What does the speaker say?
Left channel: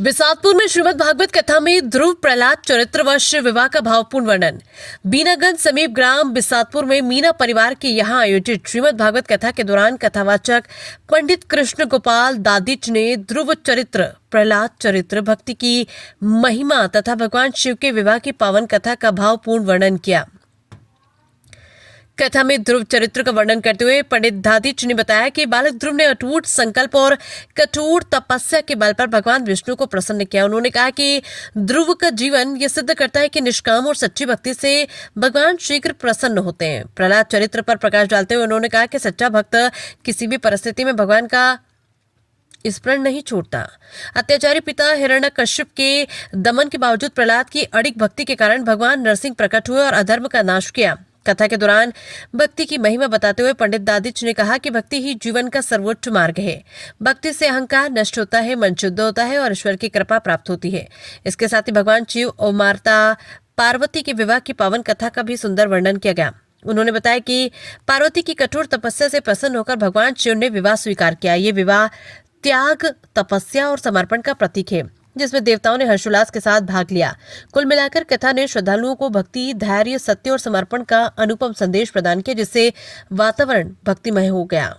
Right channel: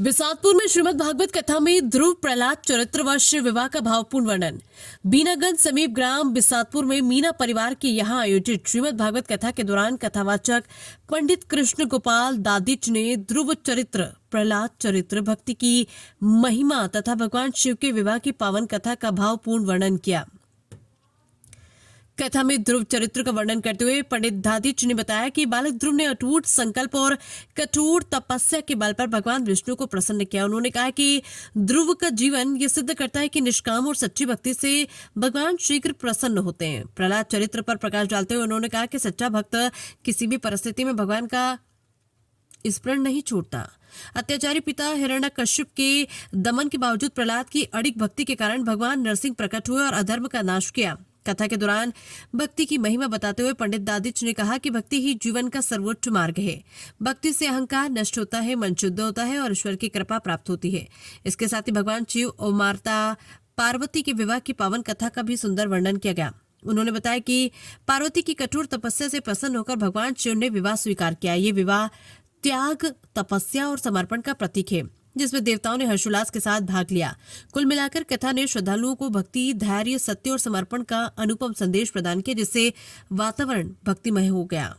बिसातपुर में श्रीमद् भागवत कथा में ध्रुव प्रहलाद चरित्रवश विवाह का भावपूर्ण वर्णन। बीनागंज समीप ग्राम बिसातपुर में मीना परिवार के यहां आयोजित श्रीमद् भागवत कथा के दौरान कथावाचक पंडित कृष्ण गोपाल दादिच ने ध्रुव चरित्र, प्रहलाद चरित्र, भक्ति की महिमा तथा भगवान शिव के विवाह की पावन कथा का भावपूर्ण वर्णन किया। कथा में ध्रुव चरित्र का वर्णन करते हुए पंडित दादिच ने बताया कि बालक ध्रुव ने अटूट संकल्प और कठोर तपस्या के बल पर भगवान विष्णु को प्रसन्न किया। उन्होंने कहा कि ध्रुव का जीवन यह सिद्ध करता है कि निष्काम और सच्ची भक्ति से भगवान शीघ्र प्रसन्न होते हैं। प्रहलाद चरित्र पर प्रकाश डालते हुए उन्होंने कहा कि सच्चा भक्त किसी भी परिस्थिति में भगवान का स्मरण नहीं छोड़ता। अत्याचारी पिता हिरण्यकश्यप के दमन के बावजूद प्रहलाद की अड़िग भक्ति के कारण भगवान नरसिंह प्रकट हुए और अधर्म का नाश किया। कथा के दौरान भक्ति की महिमा बताते हुए पंडित दादिच ने कहा कि भक्ति ही जीवन का सर्वोच्च मार्ग है। भक्ति से अहंकार नष्ट होता है, मन शुद्ध होता है और ईश्वर की कृपा प्राप्त होती है। इसके साथ ही भगवान शिव और माता पार्वती के विवाह की पावन कथा का भी सुंदर वर्णन किया गया। उन्होंने बताया कि पार्वती की कठोर तपस्या से प्रसन्न होकर भगवान शिव ने विवाह स्वीकार किया। ये विवाह त्याग, तपस्या और समर्पण का प्रतीक है, जिसमें देवताओं ने हर्षोल्लास के साथ भाग लिया। कुल मिलाकर कथा ने श्रद्धालुओं को भक्ति, धैर्य, सत्य और समर्पण का अनुपम संदेश प्रदान किया, जिससे वातावरण भक्तिमय हो गया।